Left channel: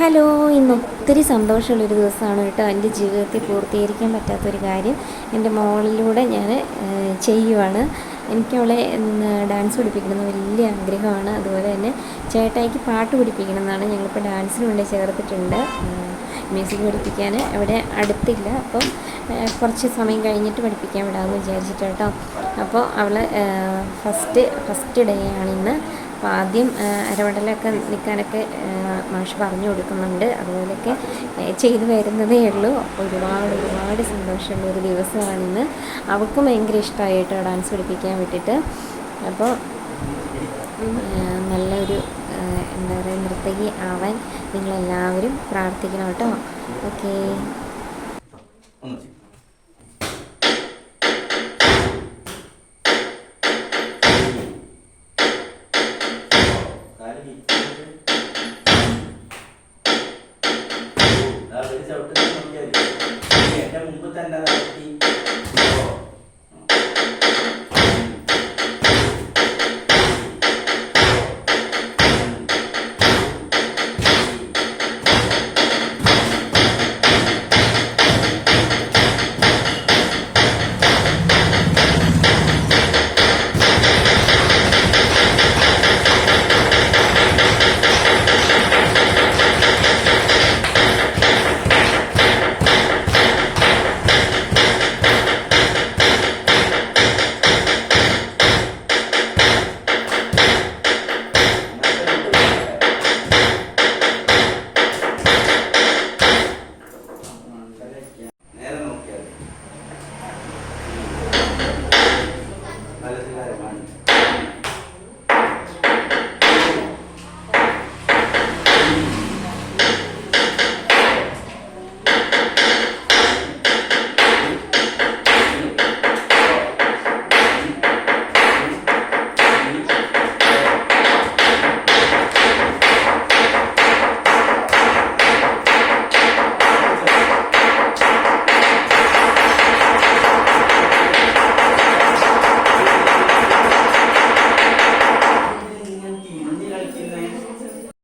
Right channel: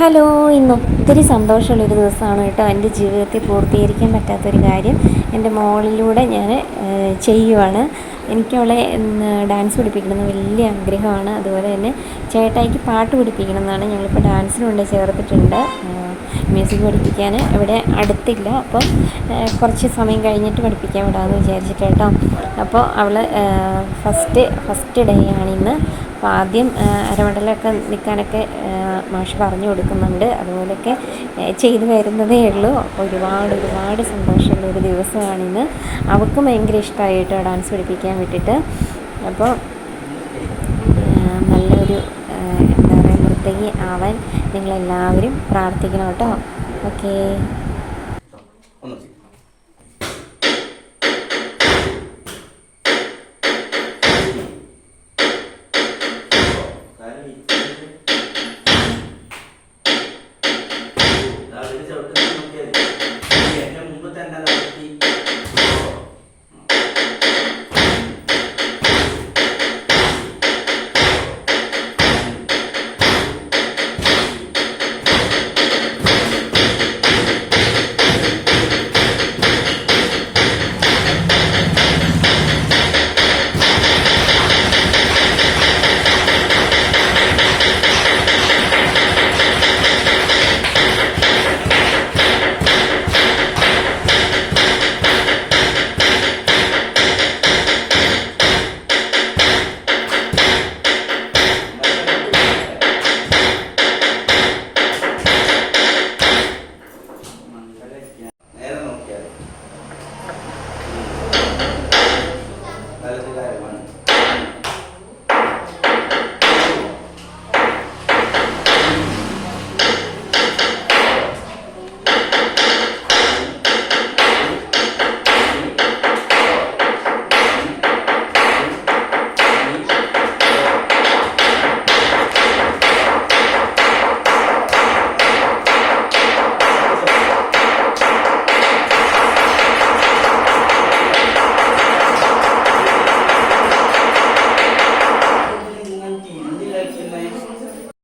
Hello ഇന്ന് ഒത്തിരി സന്തോഷമുള്ളൊരു ദിവസമാണ് കേട്ടോ. എന്റെ ജീവിതത്തിൽ പൂർത്തീകരിക്കാൻ പറ്റാത്തൊരു കാര്യം. എന്റെ മോളിലൂടെ ഞാൻ ചെയ്യുവാണ്. എനിക്കവളെ ഇന്ന് ഡാൻസ് പഠിപ്പിക്കണമെന്ന് വലിയ ആഗ്രഹമാണ്. അതുപോലെ തന്നെ ചേട്ടായിക്ക് പാട്ട് പഠിപ്പിക്കണം എന്നാണ് ഞങ്ങളിപ്പോൾ ഡാൻസിന് കൊണ്ട് ചേർത്തിട്ടുണ്ട്. മ്യൂസിക് പഠിപ്പിക്കാൻ ഇവിടെ അടുത്തില്ല. അപ്പോൾ കുറച്ച് സമയം കഴിഞ്ഞിട്ട് പഠിപ്പിക്കാൻ വിടാമെന്ന് വിചാരിച്ചിട്ട് കേട്ടോ. അപ്പോൾ അവൾ ഫസ്റ്റ് ഫസ്റ്റ് ഡേ ആണിന്ന് അപ്പോൾ ആദ്യം അരമടലൊക്കെ നിൽക്കാനൊക്കെ മാഷ് പറഞ്ഞു കൊടുക്കുന്നുണ്ട്. അതുപോലെയൊക്കെ ചെയ്തു വരുന്നതേ ഉള്ളൂ. അപ്പോൾ ഒരുപാട് ഒരുപാട് സന്തോഷമുള്ള ഒരു ദിവസമാണിന്ന്. അവൾക്കും ഭയങ്കര ഇഷ്ടമായി കേട്ടോ ഡാൻസ് പഠിപ്പിക്കാൻ വിട്ടിട്ട്. അപ്പോൾ നല്ലൊരു എന്താ പറയുക നൃത്തകി ആവാൻ നിങ്ങളെല്ലാവരും പ്രാർത്ഥിക്കണം കേട്ടോ. ഓക്കേ.